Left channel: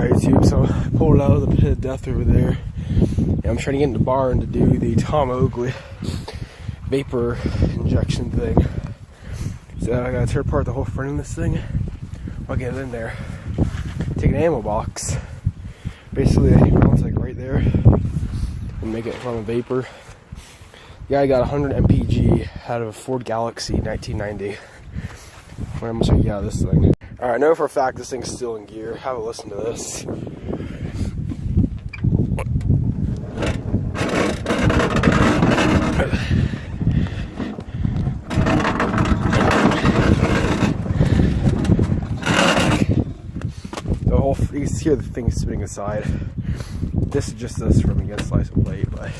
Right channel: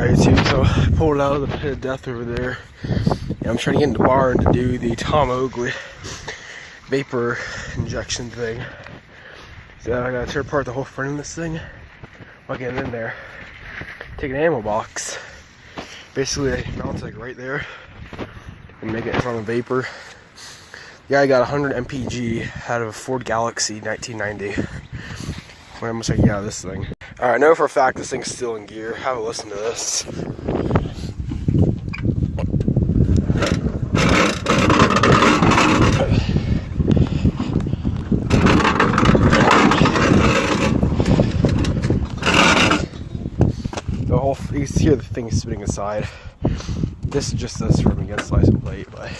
Alright, YouTube, so I pulled out of the pit of death over there. And I'm trying to get in the barn to do the Tom Oakley vapor injection thing. So I gotta tear apart the whole front of this thing. I'll get it in there. Take an ammo box. Basically, mount like right there and make it from a Vaper. Yeah, I got 100 mpg out of a Ford Galaxy 1990. I'm gonna check you out this thing. Alright, I know for a fact this thing's still in gear. Have a listen to this. You can hear the thing spinning aside. This is just this from against license plate, but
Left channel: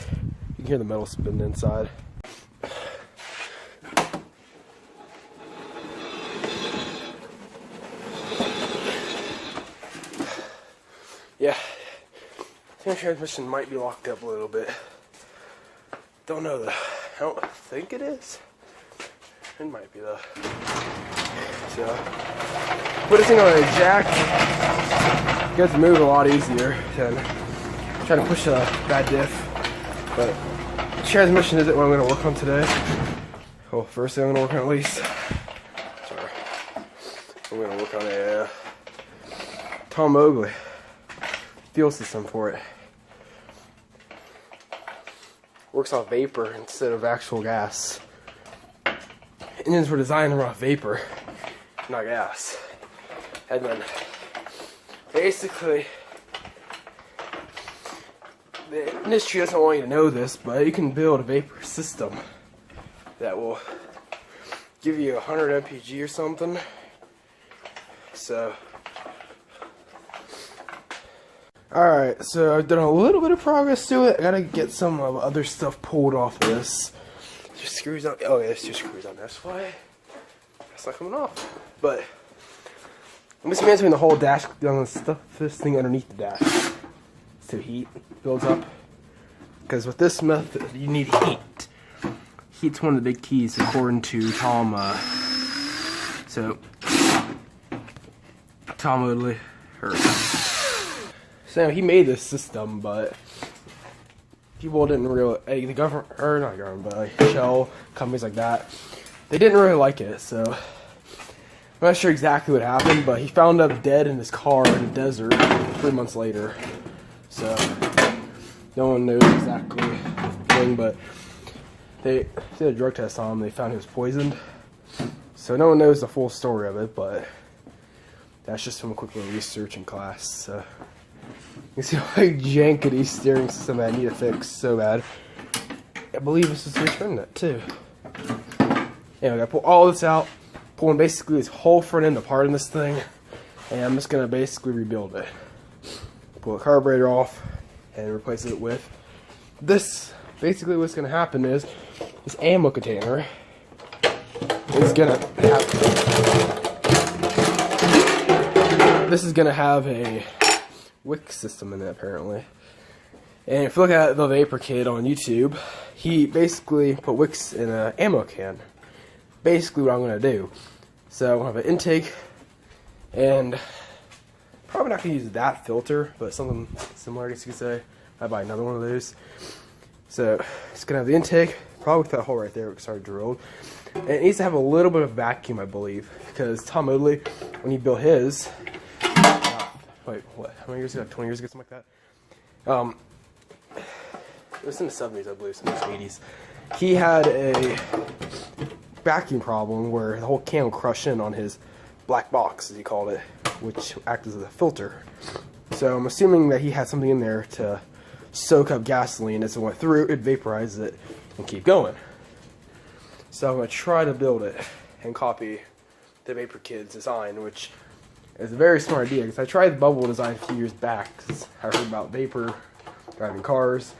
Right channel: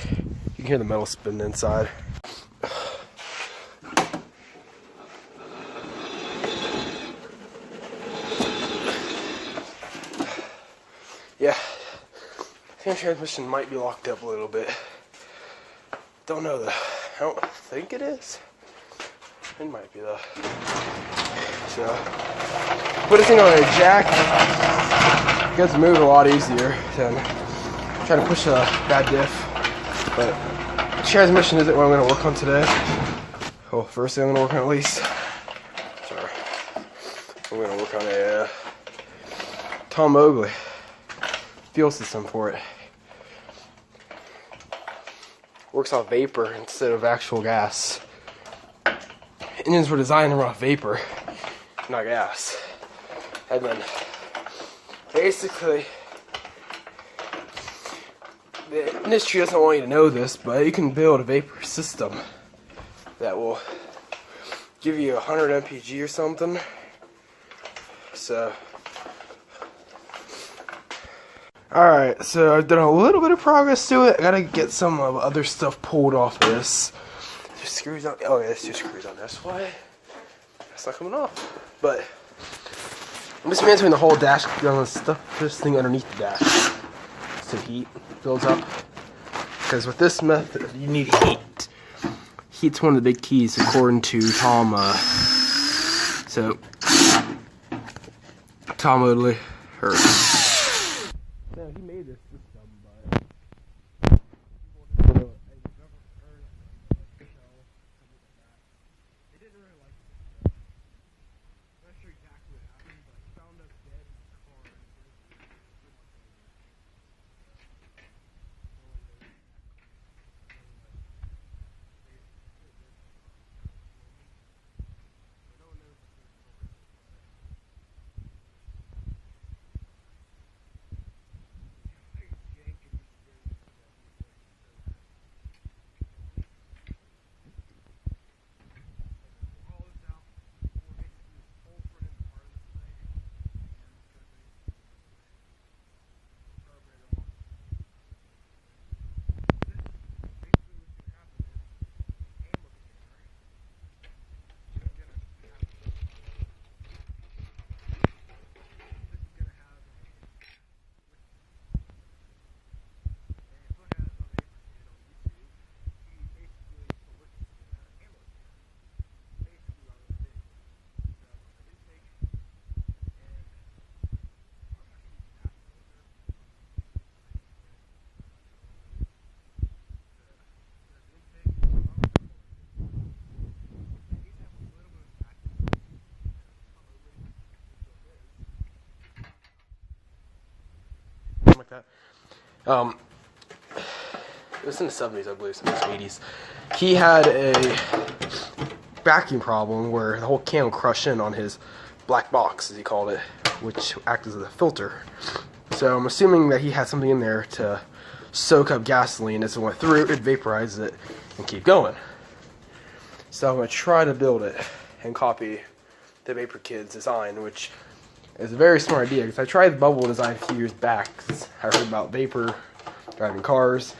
you can hear the metal spinning inside. Yeah, I think the transmission might be locked up a little bit. Don't know though. I don't think it is. It might be though. So, put this thing on a jack. It gets to move a lot easier than trying to push a bad diff. But the transmission isn't what I'm going to work on today. Well, first thing I'm going to work on at least. Sorry. I'm going to work on a Tom Oakley fuel system for it. Works off vapor instead of actual gas. Engines were designed to run off vapor, not gas. And then basically, the industry doesn't want you to know this, but you can build a vapor system that will give you 100 mpg or something. So, alright, so I've done a little bit of progress to it. I gotta get some other stuff pulled off of this. There's screws on. Oh yeah, there's 2 screws on. That's why it's not coming off. But I'm just mantling the whole dash on this thing underneath the dash so heat builds up. Because with this method, you need heat. Heat's one of the big keys according to Tom. Tom Oakley. So he made this system, but people didn't really, the government, or not government, but like shell companies like that, they didn't really like it. So I'm not sure exactly what happened, but he found up dead in his car in the desert 3 months later. So no one knows exactly the thing, but they did a drug test on him. They found he was poisoned. So no one knows the full story of it, but that's just from a quick little research in class. So you see how jankety steering system I need to fix so bad. I believe this is return that too. Anyway, I gotta pull all this out, pulling basically this whole front end apart in this thing, and I'm just gonna basically rebuild it. Pull the carburetor off and replace it with this. Basically what's gonna happen is this ammo container is gonna have a wick system in it apparently. And if you look at the Vaper kid on YouTube, he basically put wicks in an ammo can. Basically what I'm going to do. So I'm going to have an intake, and probably not going to use that filter, but something similar, I guess you could say. I'd buy another one of those. So it's going to have the intake, probably with that hole right there, it's already drilled. And it needs to have a little bit of vacuum, I believe, because Tom Oakley, when he built his, wait, what? How many years ago? 20 years ago, something like that. It was in the 70s, I believe, some 80s. He had a vacuum problem where the whole can would crush in on his black box, as he called it, which acted as a filter. So I'm assuming that he had something in there to soak up gasoline. As it went through, it vaporized it and keep going. So I'm going to try to build it and copy the Vaper Kid's design, which is a very smart idea, because I tried the bubble design a few years back, because I heard about Vaper driving cars.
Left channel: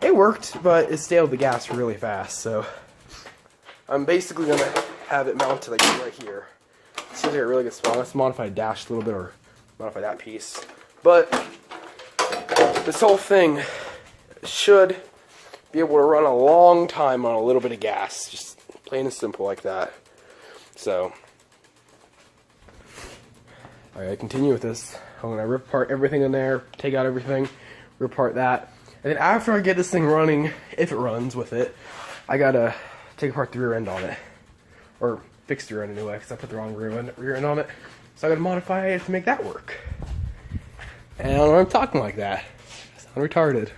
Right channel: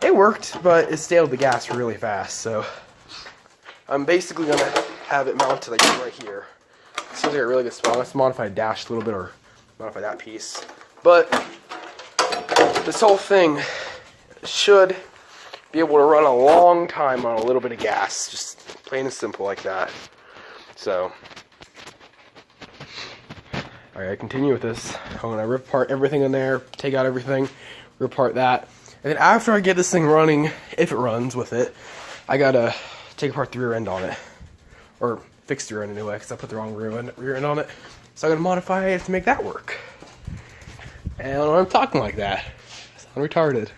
It worked, but it staled the gas really fast, so I'm basically going to have it mounted like right here. It seems like a really good spot. Let's modify the dash a little bit, or modify that piece. But this whole thing should be able to run a long time on a little bit of gas, just plain and simple like that. So Alright, I continue with this. I'm gonna rip apart everything in there, take out everything, rip apart that. And then after I get this thing running, if it runs with it, I gotta take apart the rear end on it. Or fix the rear end anyway, because I put the wrong rear end on it. So I gotta modify it to make that work. And I'm talking like that. I sound retarded.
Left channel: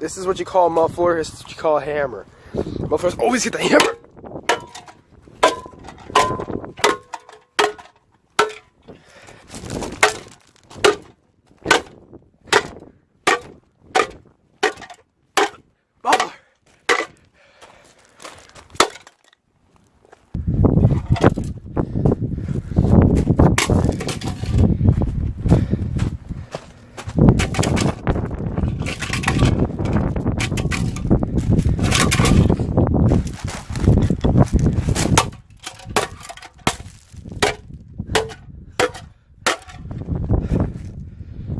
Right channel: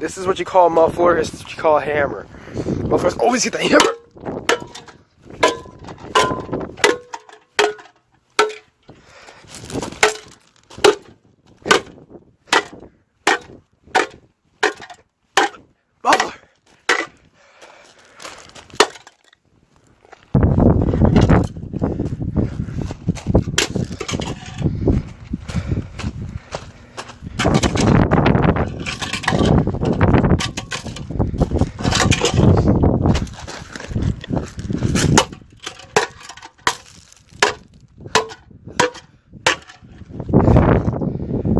This is what you call a muffler, this is what you call a hammer. Mufflers always get the hammer! Muffler!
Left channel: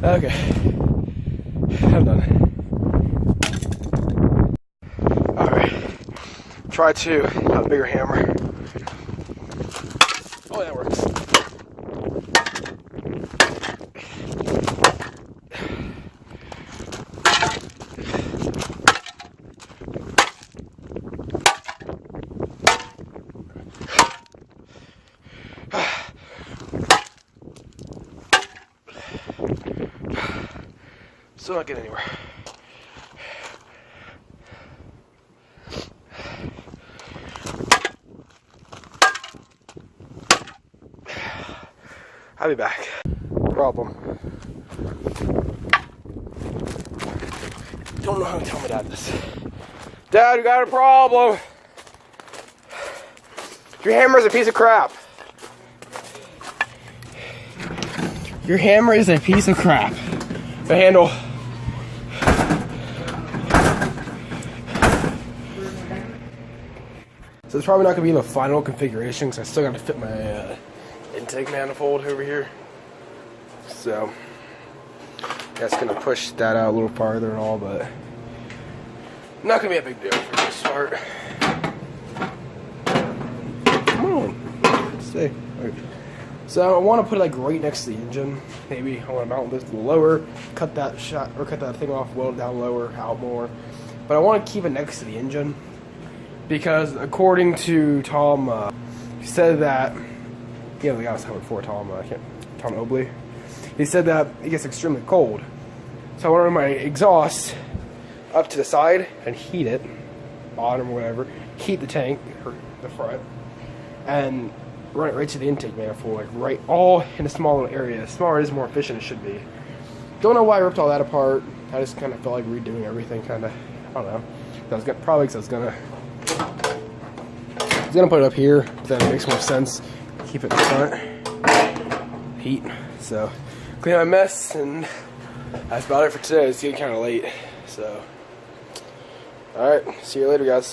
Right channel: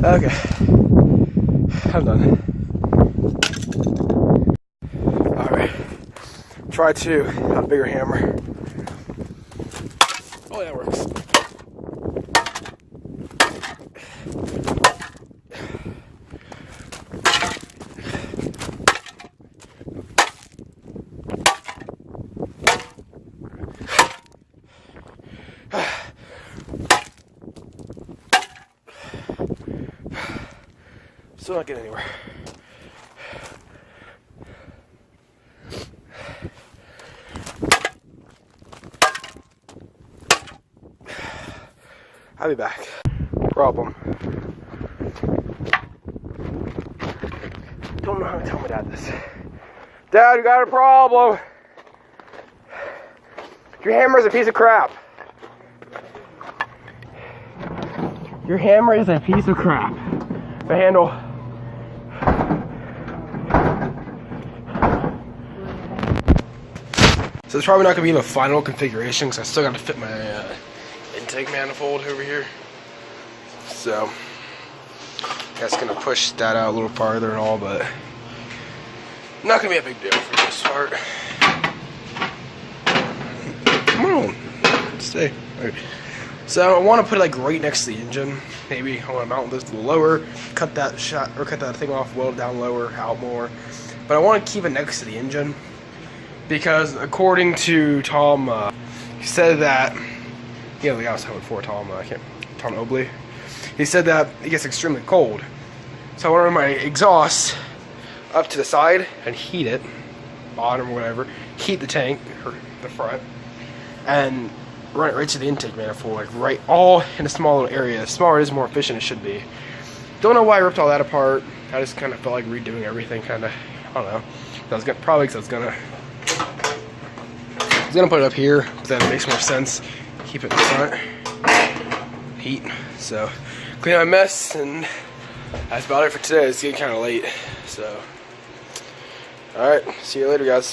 Okay, I'm done. Alright, try to have a bigger hammer. Oh, that works. Still not getting anywhere. I'll be back. Problem. Don't know how to tell my dad this. Dad, you got a problem. Your hammer is a piece of crap. Your hammer is a piece of crap. The handle. So it's probably not going to be the final configuration because I still got to fit my intake manifold over here. So that's going to push that out a little farther and all, but not going to be a big deal for this part. Come on, stay. Right. So I want to put it like right next to the engine. Maybe I want to mount this a little lower, cut that thing off, weld it down lower, out more. But I want to keep it next to the engine. Because according to Tom, he said that, the guy I was talking before, Tom Obley, he said that it gets extremely cold. So I want to run my exhaust up to the side and heat it, bottom or whatever, heat the tank, or the front, and run it right to the intake manifold, like right, all in a small little area. The smaller it is, the more efficient it should be. Don't know why I ripped all that apart. I just kind of felt like redoing everything, kind of, I don't know. Probably because I was gonna put it up here, because that makes more sense. Keep it in front, heat. So, clean my mess, and that's about it for today. It's getting kind of late, so. Alright, see you later, guys.